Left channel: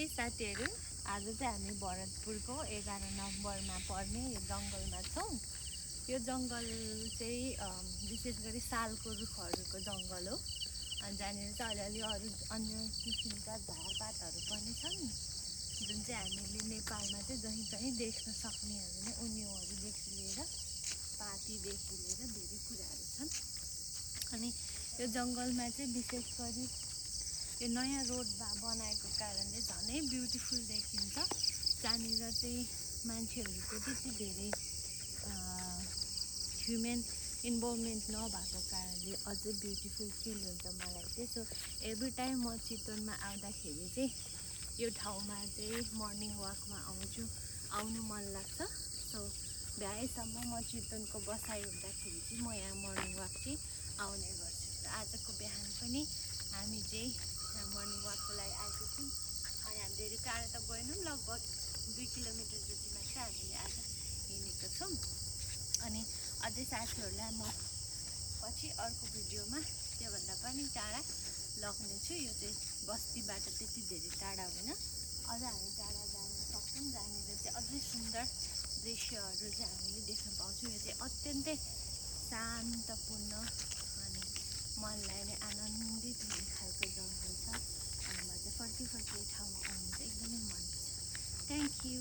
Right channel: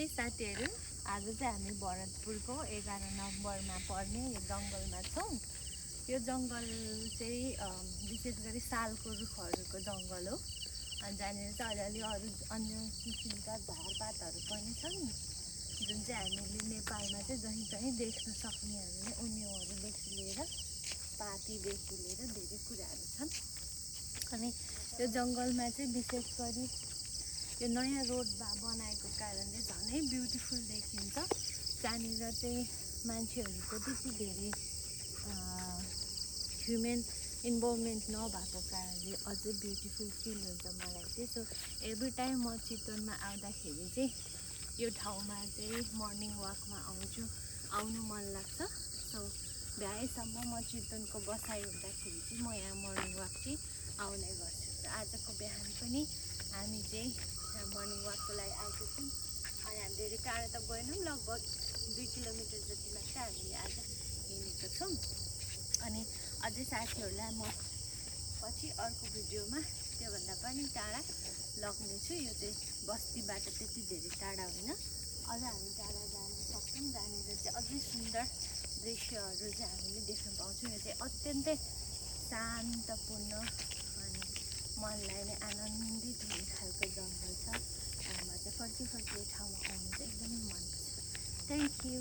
नमस्ते साथीहरू। आज चाहिँ हामी भरतपुरको 11 नम्बरमा पर्ने यो जङ्गलमा छौँ। यो जङ्गल चाहिँ विशेष गरी सालको रुखहरूको जङ्गल हो। अनि जहाँनिर चाहिँ अलिअलि अरू अन्य किसिमका झारपातहरू पनि छन्, जुन चाहिँ हामीले नेपालमा चाहिँ जहीँ तहीँ देख्न सक्नेहरू नै। उन्युहरूदेखि लिएर पातीदेखि लिएर धेरै कुराहरू छन्। अनि यो जङ्गलमा चाहिँ विशेष गरी यो नयाँ रोड बनाएको कारणले झनै ब्युटिफुल देखिन्छ। जहाँनिर चाहिँ मान्छेहरूको त्यति धेरै ह्युमन इन्भल्भमेन्ट नभएको कारणले अझै ब्युटिफुल फिल हुन्छ मलाई चाहिँ। सो एभ्री टाइम म चितवनमा आउँदाखेरि चाहिँ यो ठाउँमा चाहिँ मर्निङ वाकमा आउनु मन लाग्छ। सो भ्याएसम्म म चितवनको बसाइ हुँदाखेरि चाहिँ म यहाँ मर्निङ वाक चाहिँ आउने गर्छु। र आजको बिहान पनि हामी चाहिँ मर्निङ वाकको लागि आएको छौँ। अनि हामी धेरै टाढा त गएनौँ, लगभग 2 किलोमिटर जति मात्र हामीले आज हिँडेको छौँ। अनि अझै साथीहरूलाई म पछि अर्को भिडियोमा त्योभन्दा पनि टाढा लग्नेछु। यो चाहिँ बस्तीबाट त्यति धेरै टाढा होइन, अझ हामी टाढा जान सक्छौँ, जहाँनिर चाहिँ अझै सुन्दर दृश्यहरू चाहिँ हामीले देख्न पाउँछौँ। यो चाहिँ अत्यन्तै शान्तपूर्ण अनि मनलाई नै आनन्दित हुने खालको जङ्गल छ। अनि म चाहिँ फर्की यो ठाउँमा आउनु चाहिँ एकदमै मन पर्छ। Thank you.